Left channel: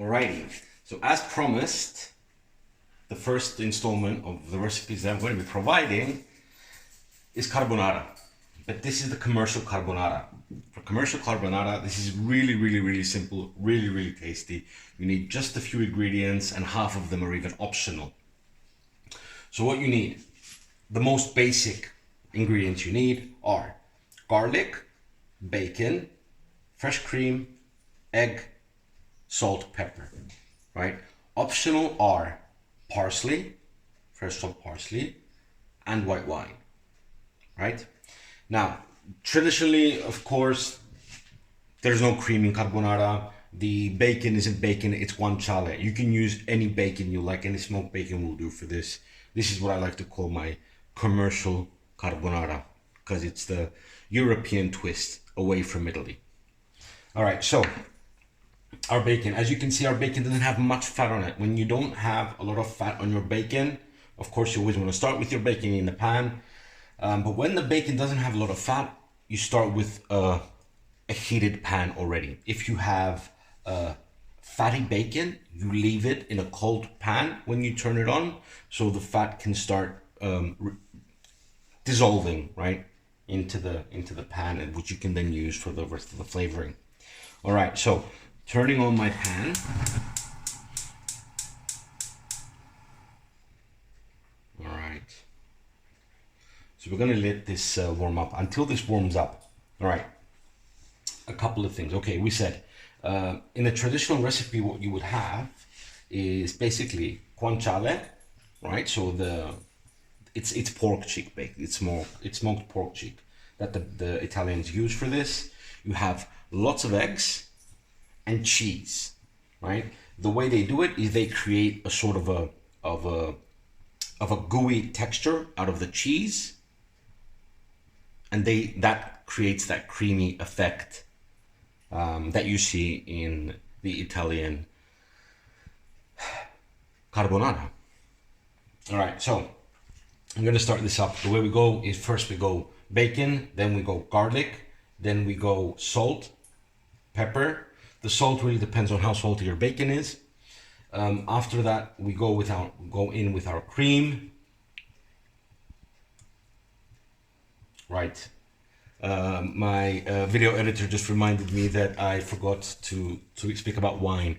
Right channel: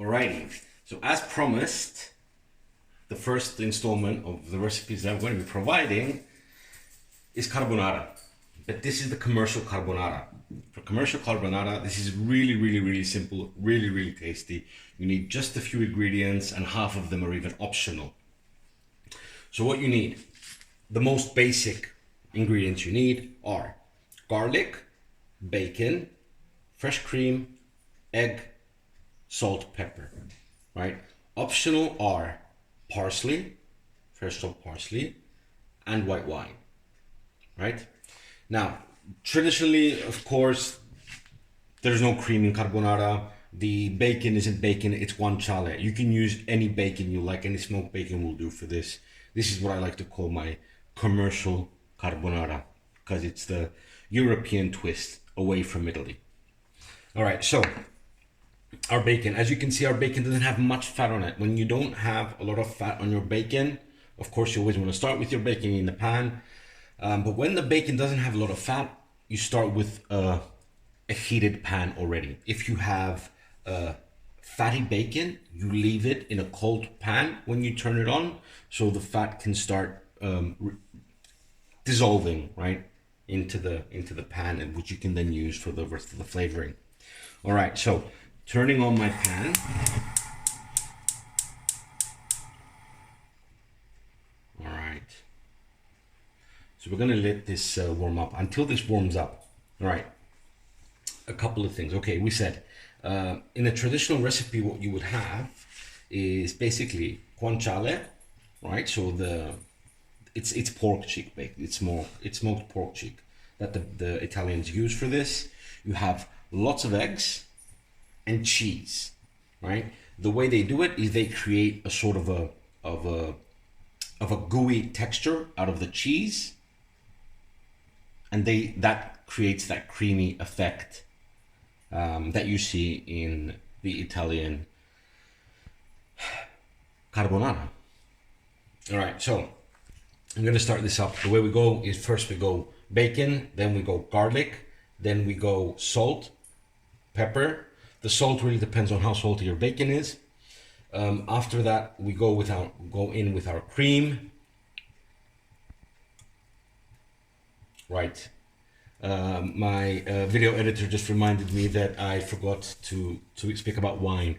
Alrighty, so as promised, the first installment of the recipes that I'm going to be providing is carbonara. But this is the commercial carbonara. For commercial carbonara, this is really simple, really tasty. You need just a few ingredients and half of them are even optional. So what you need, the most basic ingredients you need are garlic, bacon, fresh cream, egg, salt, pepper, right? Optional are parsley, fresh chopped parsley, and white wine, right? Now, traditionally, of course, there's no cream in carbonara. The bacon isn't bacon, it's guanciale. You can use any bacon you like, any smoked bacon will do for this. This is what I like to call my commercial carbonara, because it's the European twist away from Italy. All right, so our bacon, as you can see, our bacon doesn't have much fat on it. When you don't have a lot of fat on your bacon, of course, you always want to start with your bacon in the pan. But when the bacon doesn't have a lot of fat, you start with a heated pan already. If you have fatty bacon, you leave it in a cold pan when you turn it on, so the fat can start dissolving right into the pan, and which you can then use for the rest of the flavoring. All right, so turning on my pan. All right. So we're gonna let this warm up. Until this warms up, all right, a couple of things. Okay, we said in a traditional recipe, what you would have is basically guanciale, right? So it's pork cheek baked. It's smoked pork cheek that the Italians use for this. You have lots of eggs and cheese, right? The way they do it is they create a sort of a gooey texture out of the cheese, and that creates that creamy effect that you see in the Italian carbonara. All right, so I'm gonna start this up. The way we go is first we go bacon, then we go garlic, then we go salt, pepper. The salt really depends on how salty your bacon is. After that, we go in with our cream. Right. My video editor just reminded me that I forgot to speak about wine.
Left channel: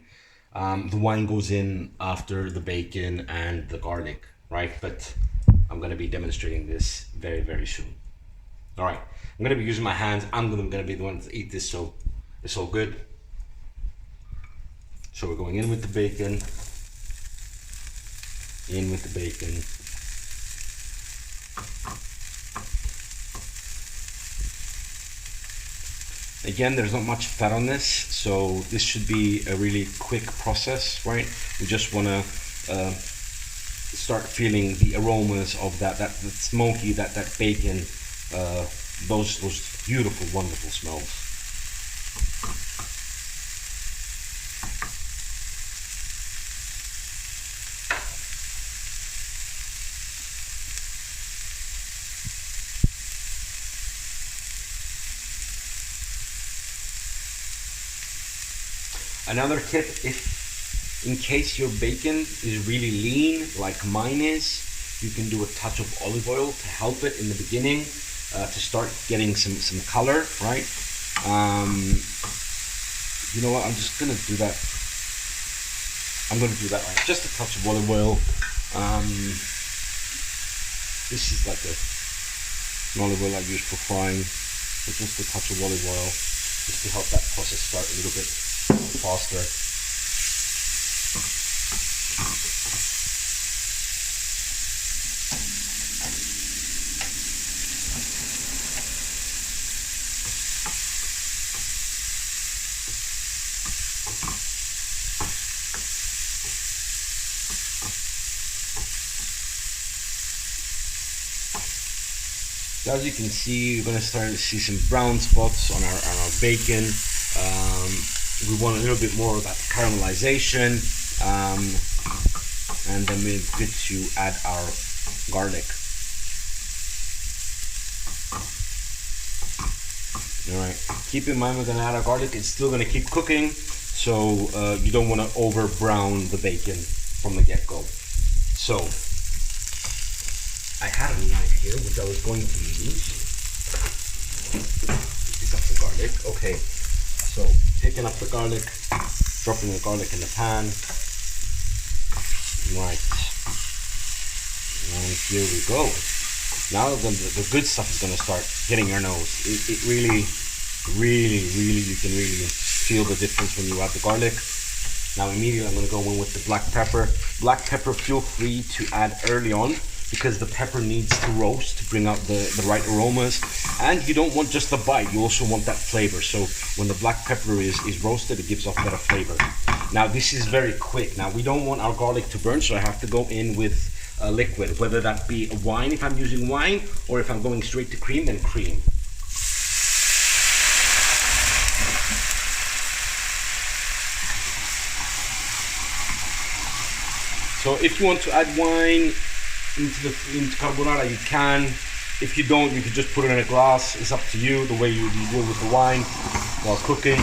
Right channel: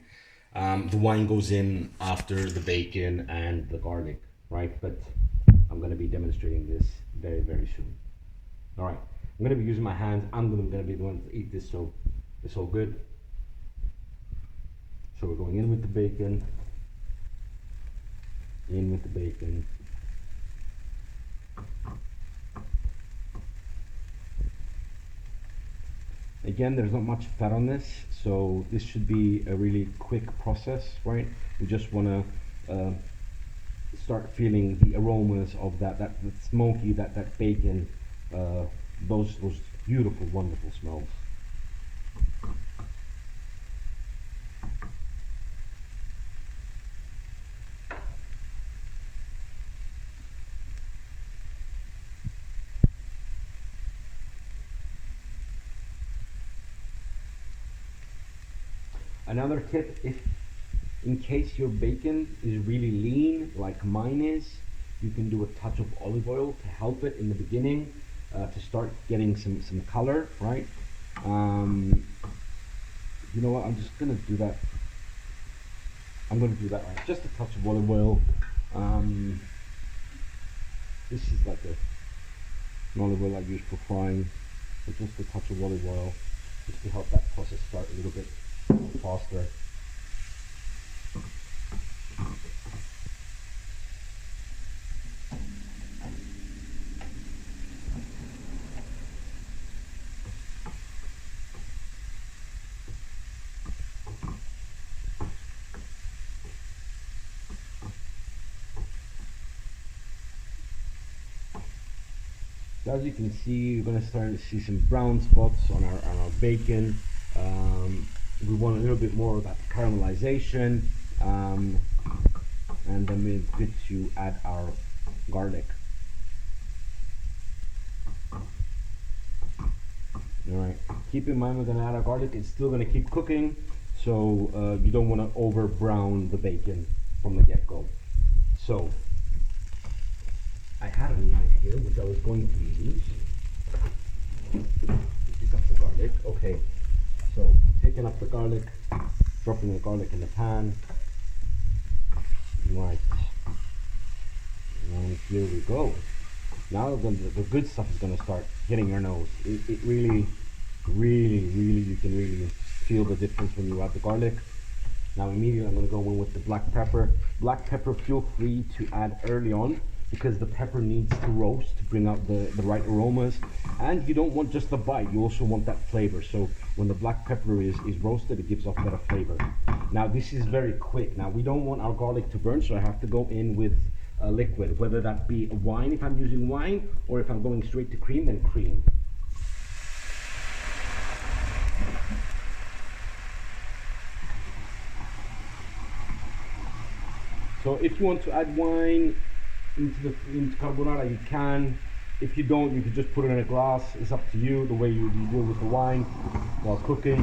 The wine goes in after the bacon and the garlic, right? But I'm going to be demonstrating this very soon. All right. I'm going to be using my hands. I'm going to be the one to eat this, so it's all good. So we're going in with the bacon. In with the bacon. Again, there's not much fat on this, so this should be a really quick process, right? We just want to start feeling the aromas of that smoky, that bacon, those beautiful, wonderful smells. Another tip, if in case your bacon is really lean, like mine is, you can do a touch of olive oil to help it in the beginning, to start getting some color, right? You know what, I'm just gonna do that. I'm gonna do that, right? Just a touch of olive oil. This is like an olive oil I use for frying, but just a touch of olive oil, just to help that process start a little bit faster. So as you can see, you're going to start to see some brown spots on our bacon. We want a little bit more of that caramelization, and then we're good to add our garlic. All right, keep in mind we're gonna add our garlic. It's still gonna keep cooking, So you don't want to over brown the bacon from the get-go. So I had a knife here which I was going to use. Pick up the garlic. Okay, so picking up the garlic, dropping the garlic in the pan. Right, and here we go. Now the good stuff is going to start hitting your nose. It really, you can really feel the difference when you add the garlic. Now immediately I'm going to go in with the black pepper. Black pepper, feel free to add early on because the pepper needs to roast to bring out the right aromas. And you don't want just the bite, you also want that flavor. So when the black pepper is roasted, it gives off better flavor. Now this is very quick. Now we don't want our garlic to burn, so I have to go in with a liquid, whether that be a wine if I'm using wine, or if I'm going straight to cream, then cream. So if you want to add wine into carbonara, you can. If you don't, you can just put it in a glass. It's up to you, the way you deal with the wine while cooking.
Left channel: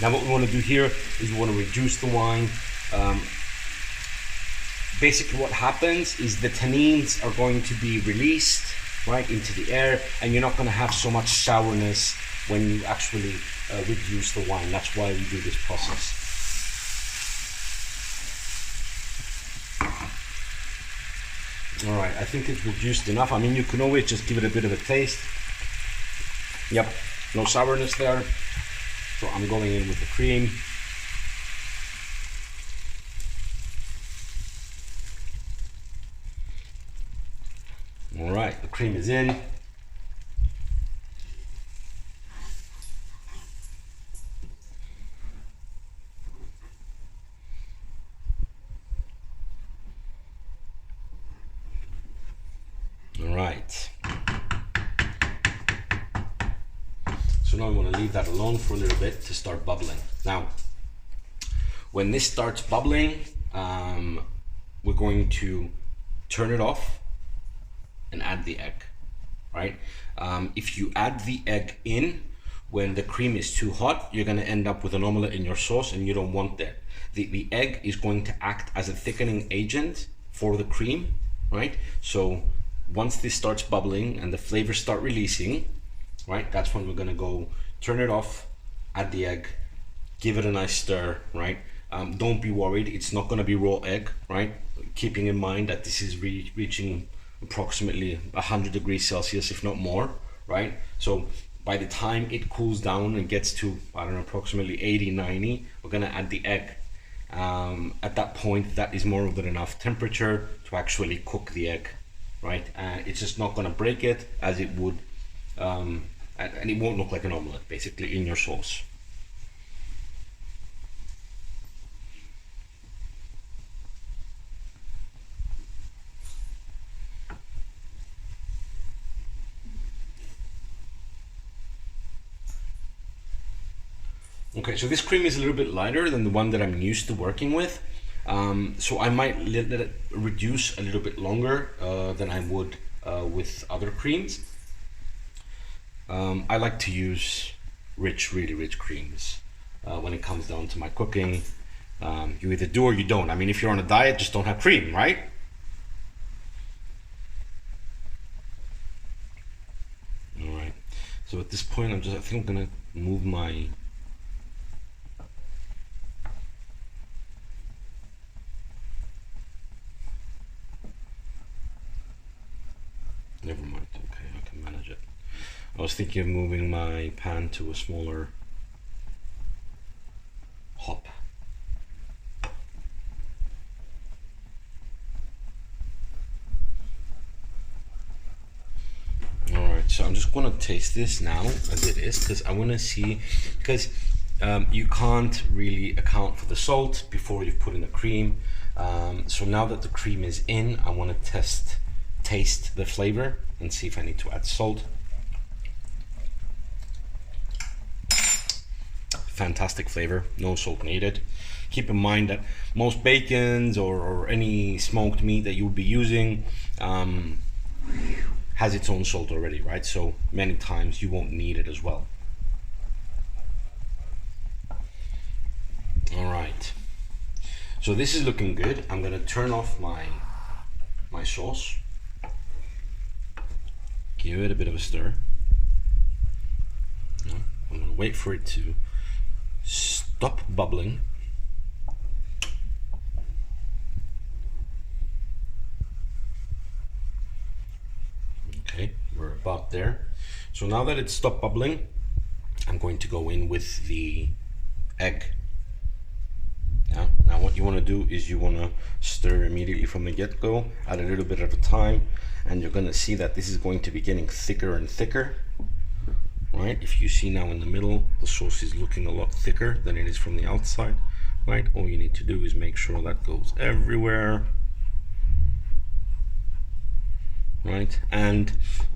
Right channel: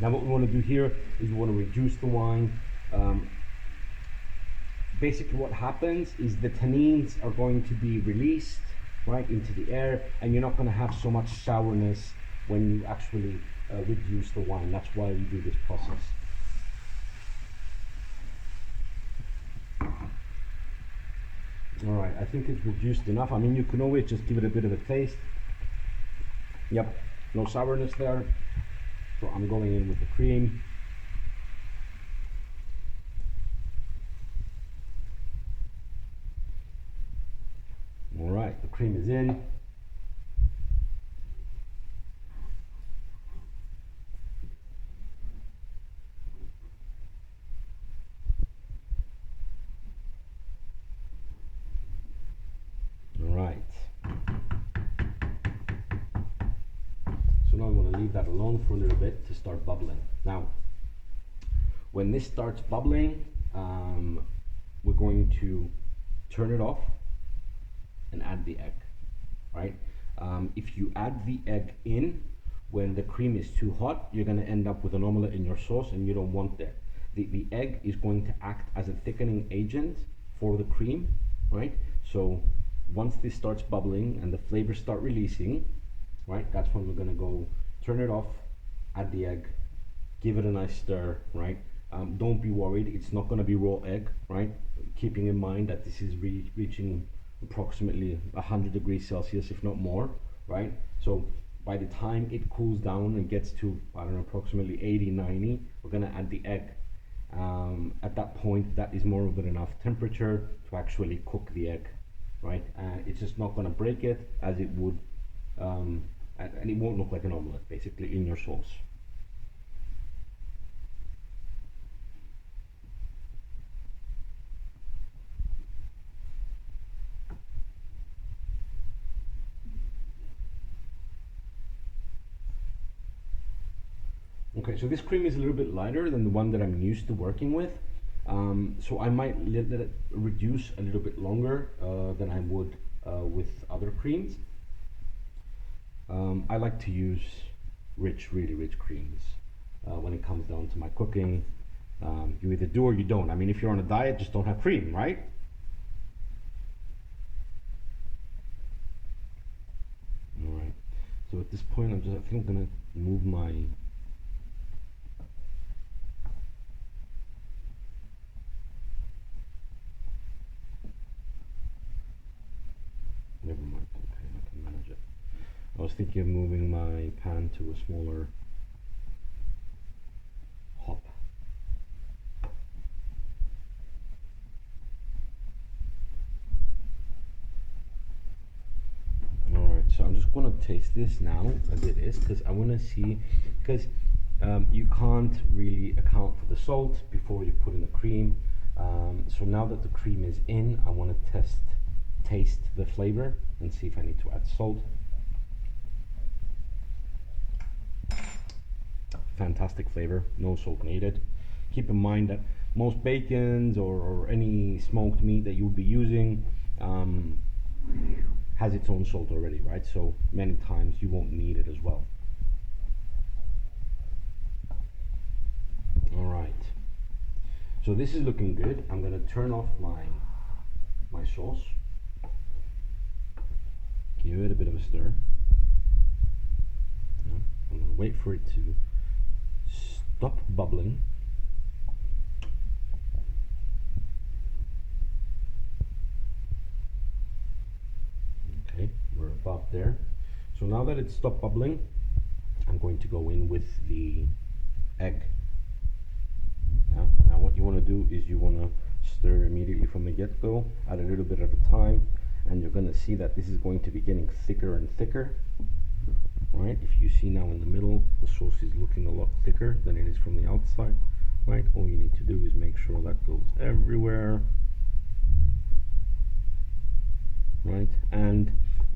Now what we want to do here is we want to reduce the wine. Basically what happens is the tannins are going to be released right into the air, and you're not going to have so much sourness when you actually reduce the wine. That's why we do this process. Alright, I think it's reduced enough. I mean, you can always just give it a bit of a taste. Yep, no sourness there. So I'm going in with the cream. Alright, the cream is in. Alright. So now I'm going to leave that alone for a little bit to start bubbling. Now, when this starts bubbling, we're going to turn it off and add the egg, right? If you add the egg in when the cream is too hot, you're going to end up with an omelette in your sauce, and you don't want that. The egg is going to act as a thickening agent for the cream, right? So once this starts bubbling and the flavors start releasing, right, that's when we're going to go turn it off, add the egg, give it a nice stir, right? Don't be worried, it's not going to be raw egg, right? Keeping in mind that this is reaching approximately 100 degrees Celsius, if not more, right? So by the time it cools down and gets to, I don't know, approximately 80, 90, we're going to add the egg. At that point, that is more than enough temperature to actually cook the egg, right? And it's just not going to break it as it would, and it won't look like an omelette basically in your sauce. Okay, so this cream is a little bit lighter than the one that I'm used to working with. So I might let it reduce a little bit longer than I would with other creams. I like to use really rich creams when it comes down to my cooking. You either do or you don't. I mean, if you're on a diet, just don't have cream, right? All right. So at this point, I think I'm gonna move my never mind, okay, I can manage it. I was thinking of moving my pan to a smaller hop. Alright, so I'm just going to taste this now as it is, because I want to see, because you can't really account for the salt before you've put in the cream. So now that the cream is in, I want to taste the flavor and see if I need to add salt. Fantastic flavor, no salt needed. Keep in mind that most bacons or any smoked meat that you'll be using has its own salt already, right? So many times you won't need it as well. All right. So this is looking good. I'm gonna turn off my sauce. Give it a bit of a stir. I'm gonna wait for it to stop bubbling. Okay, we're about there. So now that it's stopped bubbling, I'm going to go in with the egg. Now what you want to do is you want to stir immediately from the get-go, add a little bit at a time, and you're going to see that this is going to be getting thicker and thicker. Right? If you see now in the middle, the sauce is looking a lot thicker than it is from the outside. Right? All you need to do is make sure that goes everywhere. Right? And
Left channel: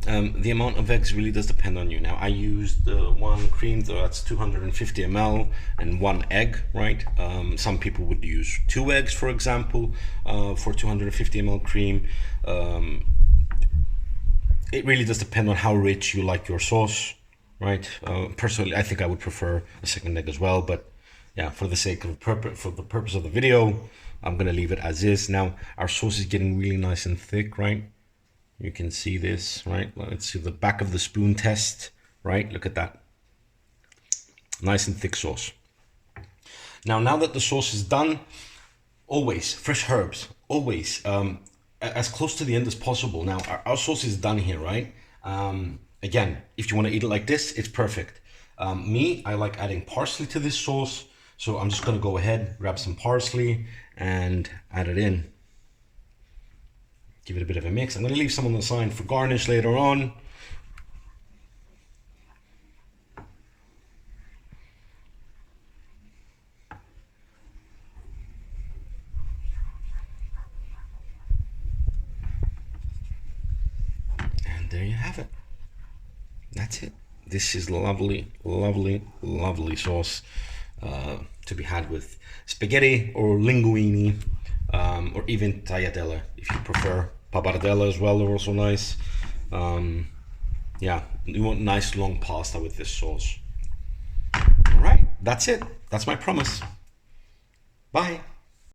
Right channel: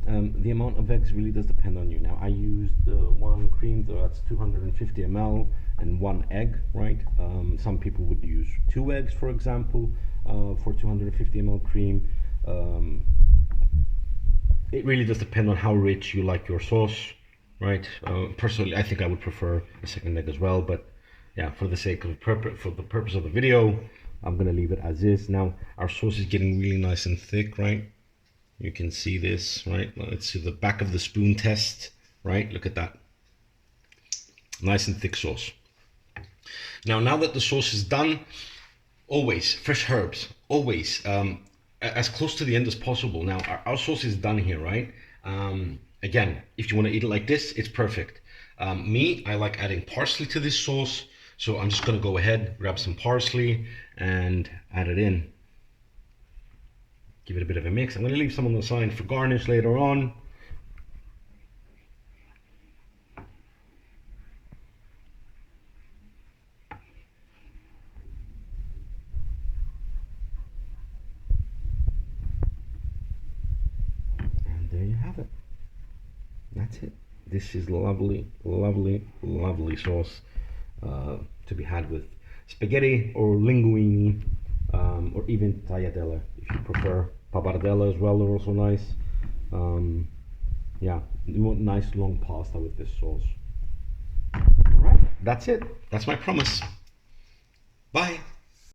the amount of eggs really does depend on you. Now I used one cream, so that's 250 ml and one egg, right? Some people would use 2 eggs, for example, for 250 ml cream. It really does depend on how rich you like your sauce, right? Personally, I think I would prefer a second egg as well, but yeah, for the sake of for the purpose of the video, I'm gonna leave it as is. Now our sauce is getting really nice and thick, right? You can see this, right? Let's see the back of the spoon test, right? Look at that. Nice and thick sauce. Now that the sauce is done, always fresh herbs, always as close to the end as possible. Now our sauce is done here, right? Again, if you want to eat it like this, it's perfect. Me, I like adding parsley to this sauce, so I'm just gonna go ahead, grab some parsley and add it in. Give it a bit of a mix. I'm going to leave some on the side for garnish later on. And there you have it. That's it. This is lovely, lovely, lovely sauce to be had with spaghetti or linguine, or even tagliatelle if you prefer. Pappardelle as well are also nice. Yeah, you want nice long pasta with this sauce. All right, that's it. That's my promise. Bye.